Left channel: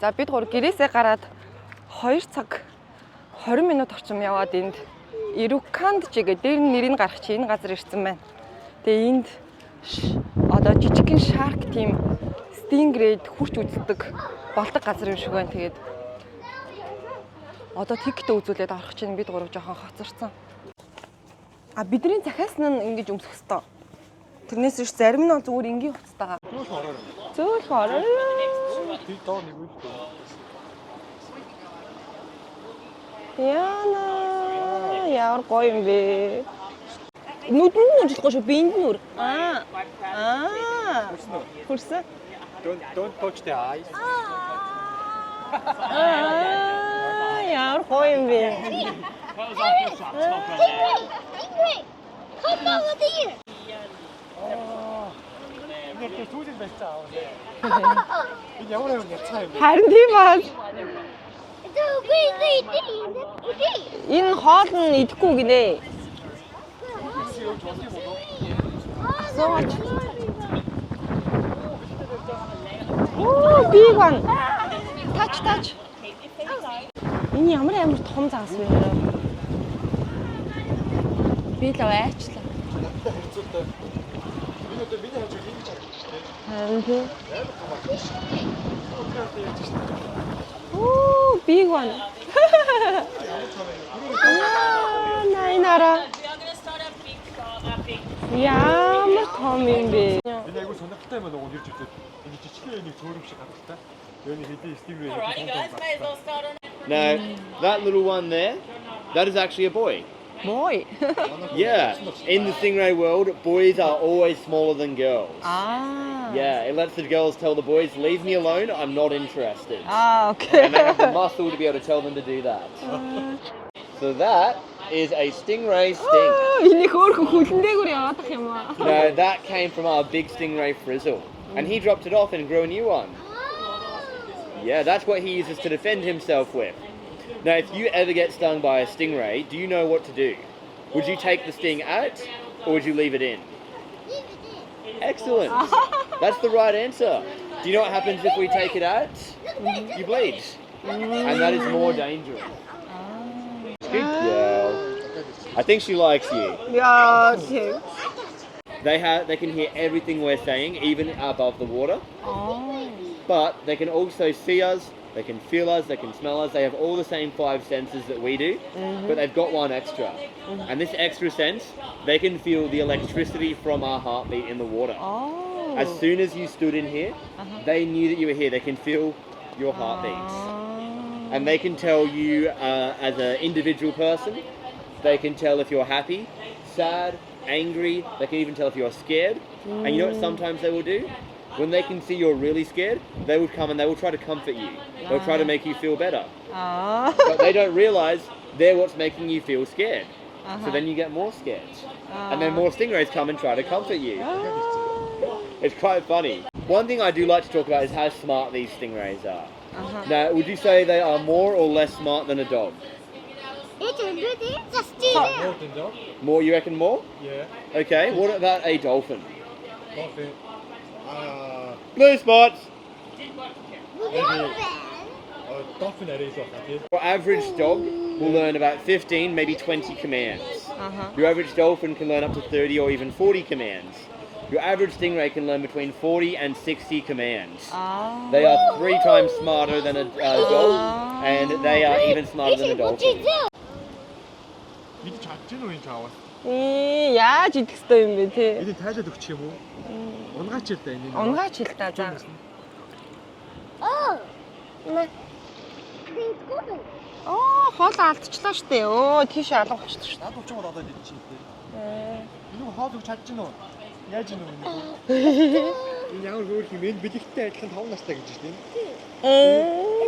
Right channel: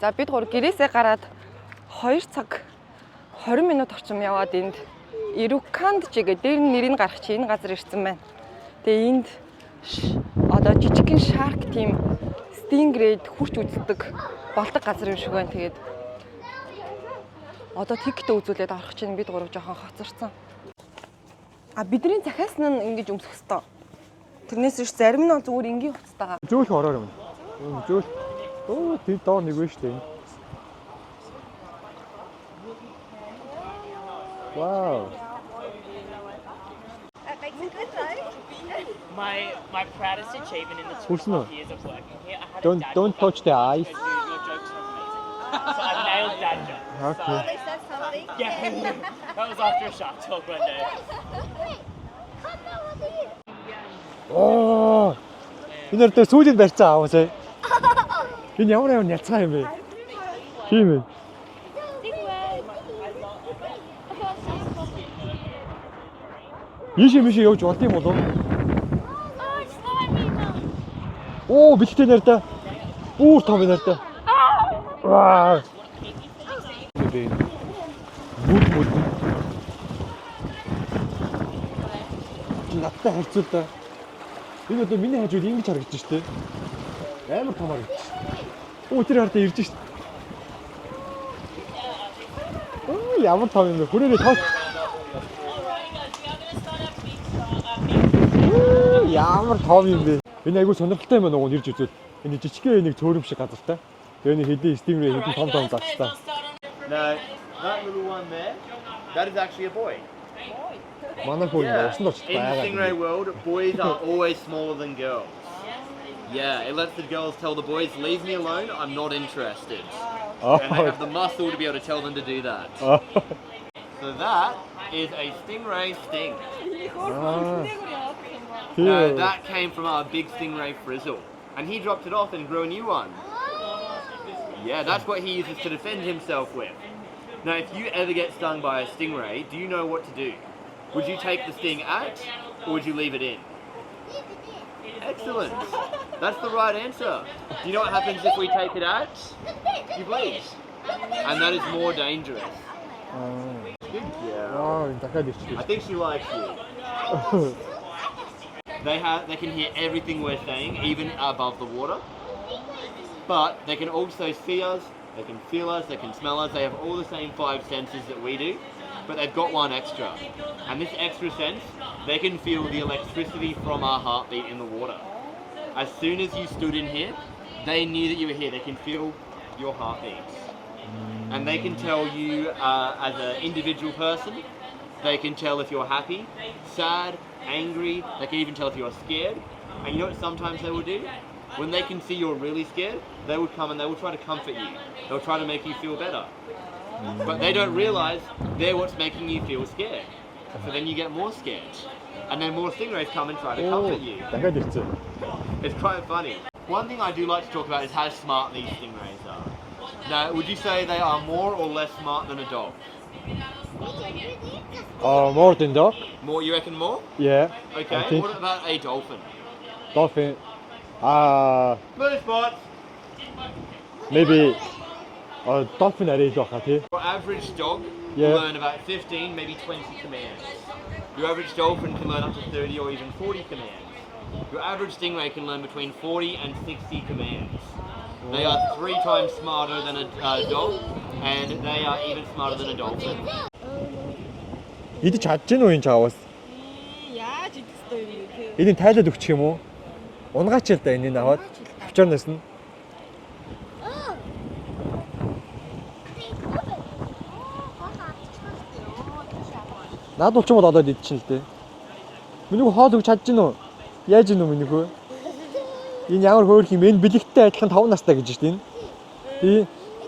За бид гур гэрээсээ гараад 2 цаг 20 минут орчим яваад энд Ирукандчи гэдэг дээр нэрийг гаргах чи энэ газар ирсэн байна. Тэгээ энд одоо жижигхэн шарк тийм стингрейд хурч үздэг болдог газар юм шиг байна. Тэгээд одоо тикет үзүүлээд орох чинь бид гурав жоохон хоцорсон. А бидний захиас нь ингэж өмсөх хэвээр. Тэрнээс ш зарим нь зүгээр энгийн хуцтайгаа. Зөөх ороор юм. Зөөх ороор. Тэр доор нэг вэ шүү дээ. Яна. Вау. Яар гоё юм бэ. Нүдэн нь ажиллахгүй шүү. Биэнд нь үр. Хүрсэн үү? Хүрсэн. Don't touch the eyes. Яар гоё юм бэ. That was after a shot. Stop right there. Come over here. Оо. Энэ дээр сүүлийн барьцаа аваасай. Энэ ямар няцгаа юм бэ? Харин тийм баа. Тийм ээ. Энэ хоол нь идэхгүй гинэ. Ийшээ мишээ явж болд юм болов? Оо биттэй нэр та. Үүр том юм Биг байна. байна. Энэ ямар том заасан бэ? Би л аваачлаа. Надтай харьцуулаа. Энэ одоо миний хажууд ингэж харагдаж штэ. Харин тийм. Амар том харагдаж. Оо тэр хартаа ирж штэ. Оо, биг байна. Ямар том юм бэ? Хүрээрээ тоо. Найнара. Ямар том юм бэ? Энэ айгүй сонирхолтой юм байна уу нэрж үзвэл. Энэ жижигхэн нэг цөөрөм шиг газартай. Тэгээ нэг хэдийн стимрээ нэг том загтай. No, that little one there, that is actually a boy. Boy. Yeah, in the stingray world, boys are always smaller than girls. Ah. Yeah, it lets the girls tell the boys, leave me alone, I'm not interested. Ah, okay. And they have the muscle to be able to tell them to do that. So that is a stingray sting. Энийг хөөрхөн хүлэндээгүүр яваадах юм аа. No, that came from our big stingray Frizzle. And he dropped it off and grew a new one. Yeah, that's what he uses to defend himself with. Now, if you ever get stung by a stingray, do you know what to do? Would you take the sting out or would you leave it in? Excellent. That's the right answer. Do you know what happens if we take it out? You bleed. And that is more dangerous. Yeah. I think she likes you. Яа. They can hear everything we're saying, even above the water. But they can also see us, they can feel us, they can smell us. They have all the same 5 senses that we do, but they've got one extra. And this extra sense, they can feel the electricity from our heartbeat in the water. As soon as you stood in here, they knew that you were here. They can feel your heartbeats. And they can tell you as an individual person, they can tell if you're happy, sad, angry. They can even tell if you're scared. And you know what sometimes they will do? When they can see you're really scared, they will come and they will try to comfort you. They'll try to make you feel better. But they don't realize they're what's making you feel scared. So then you get more scared. And then more stingrays come and try to comfort you. It's quite funny. One thing I do like to talk about is how smart these stingrays are. Now, would you say they are more or less smart than a dog? More than dog? More, you reckon more? Yeah. Okay, what about a dolphin? Dolphin. Blue spots! Maybe dolphin array dog тий. Your average dog will learn about 15, maybe 20 commands. Your average dolphin can learn up to 30 or even 40 commands. Your average stingray can learn between 40 and 60 commands. They are 3 times smarter than a dog, and they are even smarter than a dolphin. Идэж чадж гэнэ үү энэ чаавас? Яаж идэх ёстой юм бэ те? Энийг тайлаад өгчих юм уу? Унгаач л да энэ наваад. Унгаач л да. Чорноос нь. Хоол алдчихлаа штэ. Өө тийш алгахчихсан штэ. Наад улчмод олоод идчихэн л дээ. Минийх хоол өгч чадж гэнэ үү? Яаж гэнэ үү минийх үү? Энэ ямар хөөрх юм? Энэ бэлэгттэй адилхан 5 настай гэж штэ энэ.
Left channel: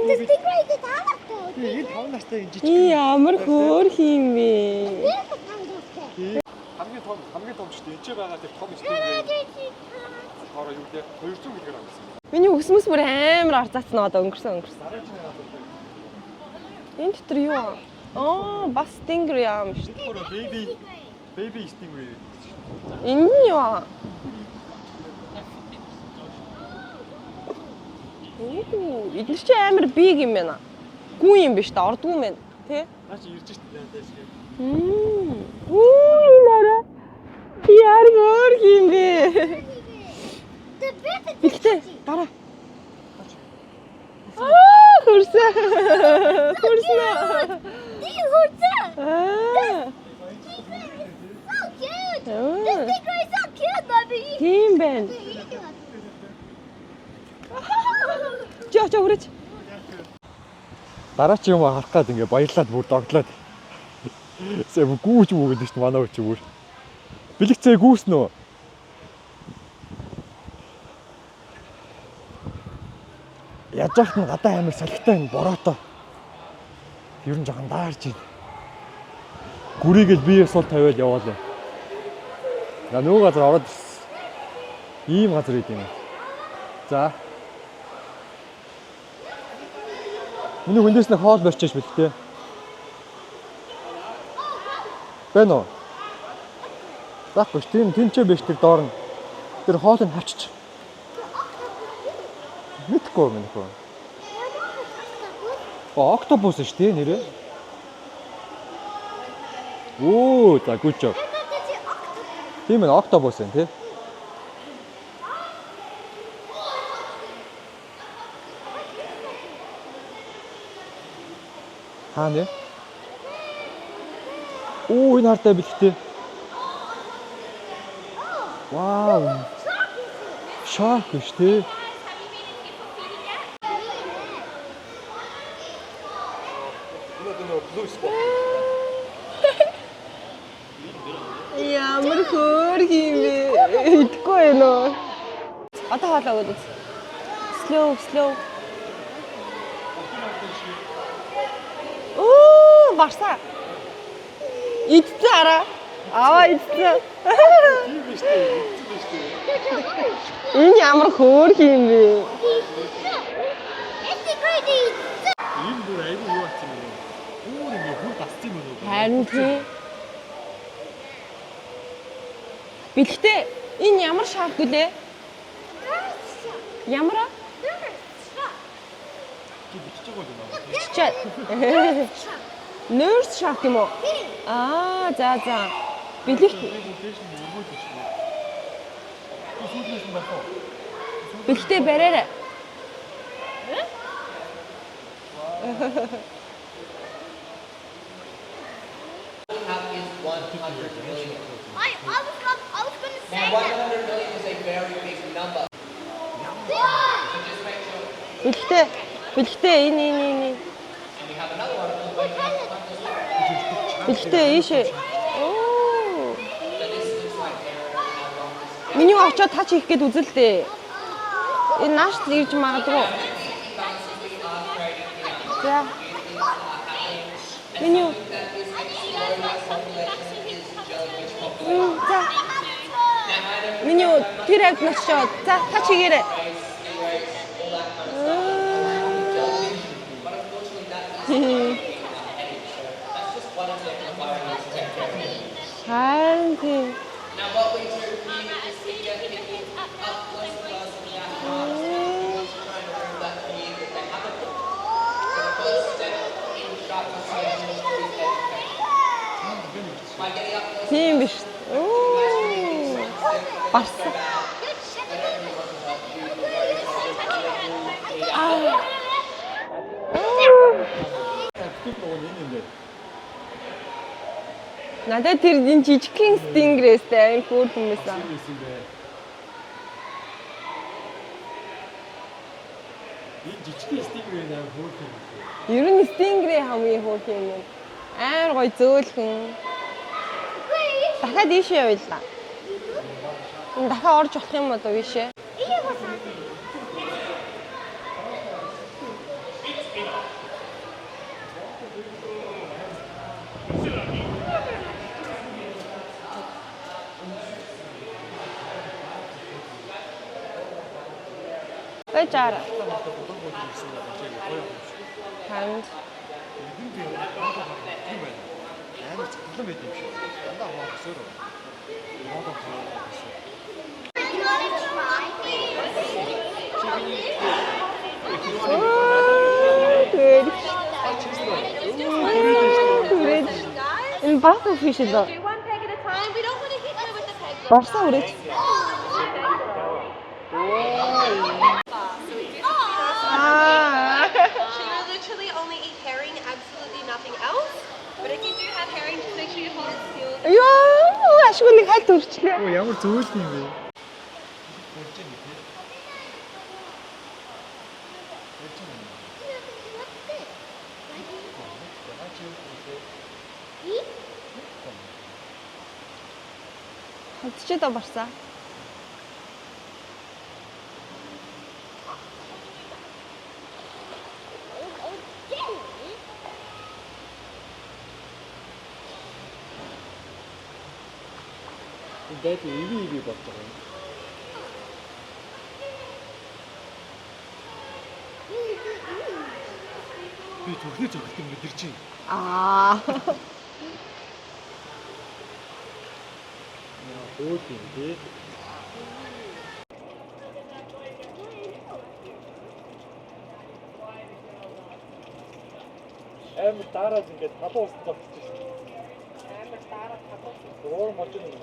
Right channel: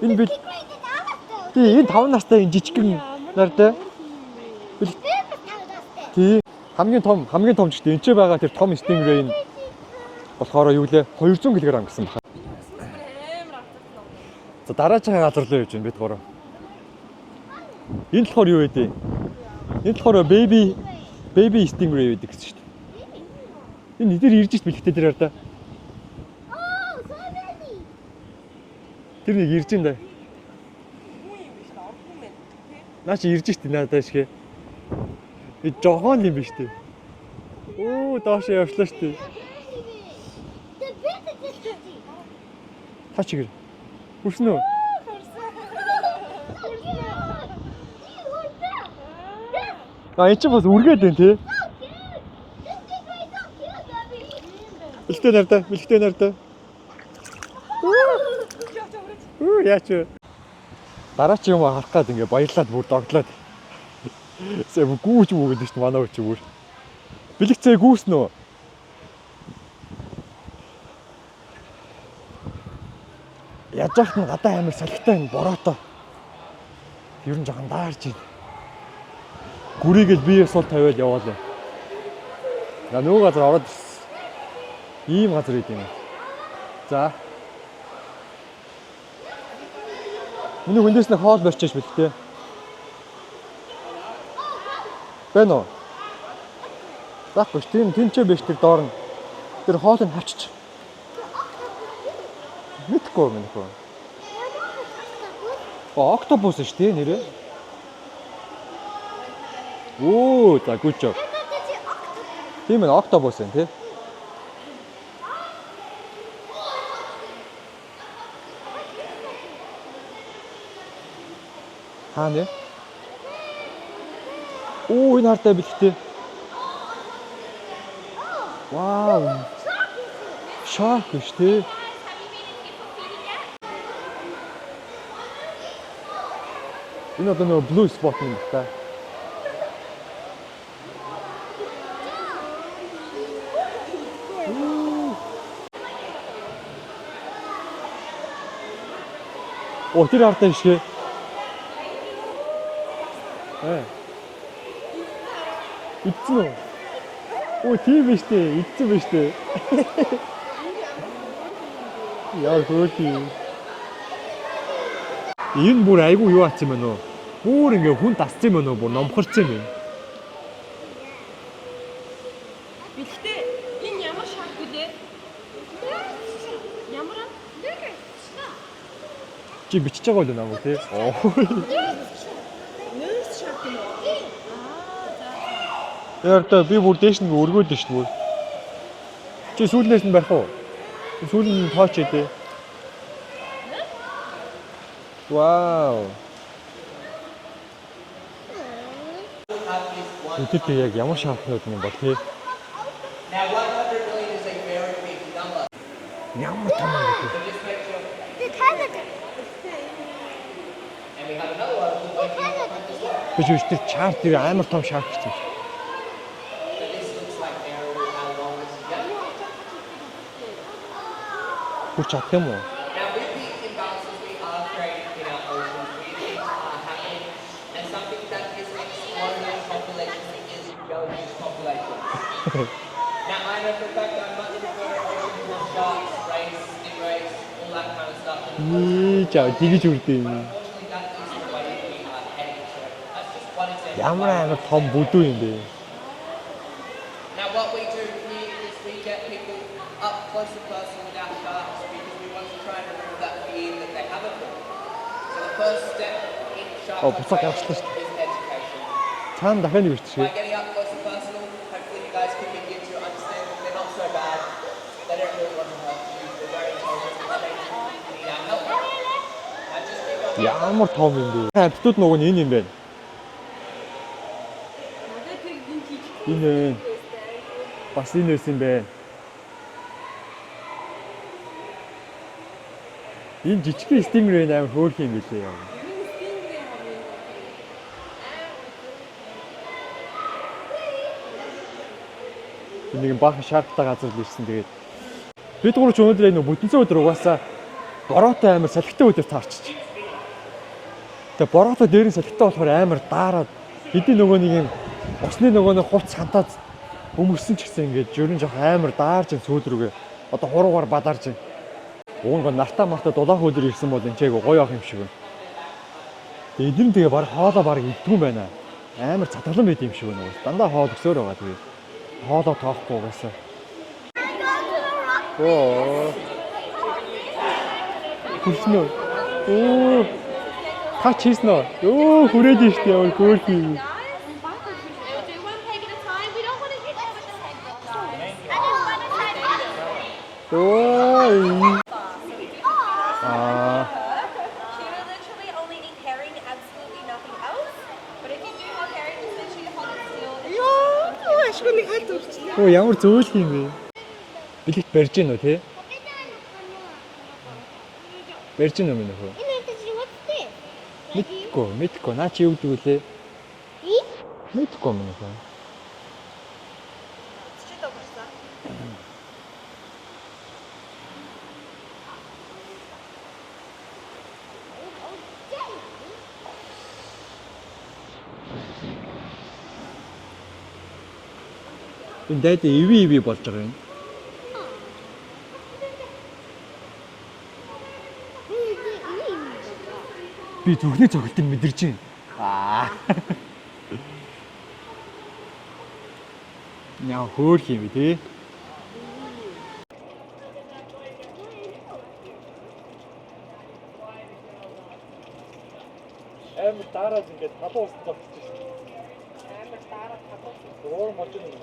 Энэ бил. Энэ 5 настай энэ жижиг юм. Ямар хөөрх юм бэ? Тий. Хамгийн том ч штэ. Энд ч байгаа тэр том stingray нь болохоор юу лээ 200 кг гэсэн байна. Миний өсмөс бүр амар арцаацсан одоо өнгөрсөн. Дараагийн газар л байж юм бид гурав. Энэ дотор юу вэ? Энэ болохоор юу вэ? Бас stingray юм шүү. Энэ болохоор baby stingray гэдэг гэсэн шүү дээ. Энэ нь юу? Энэ дээр ирж ишт бэлгтэй дээр да. Идэж чи амар биг юм байна. Гүн юм биш та ордгүй юм байна. Тэ? Наа чи ирж штий надад шигэ. Би жохон юм биш үү? Яар доош явчихсан шүү Ихтэй дараа. Та чигээр. Хүрсэн үү? Хүрсэн. Хүрсэн. See, who's that? Эн чинь бас үргээд байна тий. So cute. This sticker is so cute, Bobby. Тийм байна. Бэлгтэй нартай, бэлгтэй нартай. Жоо хүрээч. Яач вэ? Дараач юм харах гад ингээ баярлаад бүр догтлоод. Сэ гүүж мөгөд шүү дээ манай хүч бүр. Бэлгцээ гүүснэ үү? Яаж яахт нь гадаа амир салхитай энэ бороотой. Ер нь жоохон даарж байна. Гүрийгэл бие сул тавиад яваалаа. Я нөгөө газар ороод ийм газар үйд юм. За. Миний хүндээс нэг хоол барьчихж бэлтээ. Бэнэ үү? Заахгүй тийм тэнцээ биш тэр доор нь. Тэр хоолыг хавчиж. Мэдгүй юм нөхөө. Октопус шүү дээ нэрээ. Оо, за good job. Тийм ээ октопус юм тий. Хаа нэ? Оо, энэ хартай бэлгтэй. Вау. Шарк шүү дээ. Энэ одоо нөгөө blue spot юм та. Ямар хөөр юм бэ? Итгэхгүй ээ нөө. Одоо хаалаа өгөөд. Slow. Оо, тэр хартай шгэ. Оо, барсаа. Ээ. Идцээ араа. Аа, идцээ. Оо, тийм биш дээ. Идсэн биш дээ. Энэ ямар хөөр юм бэ? Яа, хөөрхий. It's crazy. Энэ бүр айгүй юу аач юм байна уу? Бүр ингээ хүн тасц юм байна уу? Бүр номхорч юм. Бэлгтээ энэ ямар шарк гэлээ? Ямар аа? Чи бичиж байгаа бол наа тий. Nurse шарк юм уу? Аа, за. Тэгээд би бүр дээш нь өргөөд шүү дээ. Чи сүүлнээс нь байх уу? Сүүлнээс нь хооч тий. Вау. Өтөт яг ямар шарк байд юм бэ тий? Now 100 million is a very big number. Ямар тань. So just make sure. Бэлгтээ энэ. And we have another one. Би ч үстэй чаалхыг амар том шарк чинь. Миний очоод тач хийх гээд үзэлтэй. Энэ нааш нэгж магадгүй. За. Миний Миний тэр яг начаа. За тач хийгээрэй. За тэгэж үрдээ юм. Ямар амар том бүдүү юм бэ? Харин тийм. Now what we do here is we get people up close and personal without guards. We want to try and remove that fear that they have of them. So the first step in shark Оо, бусаа гарчихсан шүү дээ. Цаана дахиад нэг ирчих. by getting up close Тийм биш. Бас. that everyone Ямар том юм бэ? Битүүд нөгөө нь энэ юм байна. Надад тэр энэ жижигхэн стингрэстэй айн хөөр хүмүүс. Бас энэ юм байна. Энэ жижигхэн стингрэй амар хөөрх юм билээ. Ер нь стингрэй хамгийн хөөр юм. Амар гоё зөөлхөн. Дахиад ийшээ явъя. Нэг баахан шаардтай Дахиад газар. орж явах юм одоо ийшээ. Бид гурав ч өнөөдөр энэ бүтэнцэн өдөр угаасаа бороотой амар салхитай өдөр таарчих. Тэгээ бороотой дээрэн салхитай болохоор амар даарад бидний нөгөө нэг юм усны нөгөө нэг хуц хантаад өмөрсөн ч гэсэн ингээд ер нь жоох амар даарж сөөдрөгээ. Одоо хуруугаар бадарж байна. Байж Уунга аа. нартаа мартаа дулаах өдөр ирсэн бол энэ чайг гоё авах юм шиг байна. Харин Тэгээ эдэн тэгээ баг хоолоо баг идгүй юм байна. Амар цатгалан байд юм шиг байна. Дандаа хоол өсөөр байгаа тэгээ. Хоолоо тоохгүй угаасаа. Оо. Хүрсэн үү? Оо. Хаач хийсэн үү? Оо, хүрээд нь штэ яа хөөх юм. Энэ баффа фиш л. Do one peg at a time. We don't want to hit them with the peg. Барсан үрэж. Оо. She will literally only eat herring, absolutely nothing else. But if you do have herring, just make sure you hold it still. Ёо, ашгүй нэг хальт өрчлээ. Оо, ямар зөвлөх юм бэ? Билэгт барьж гин үү те? Барьж гин юм уу? What's this? Мэдгүй. Наа чи юу гэдэг үлээ? Eat? Мэдгүй юм уу? Хадчи да барсан. Энэ дайд иви болж байгаа юм. Би зүрхний цогтыг мэдэрч байна. Яа хөөх юм бэ те? Амар дараад ингээд талуу ус зогсож байна. Амар дараад талуу ус. Өөр болж байна.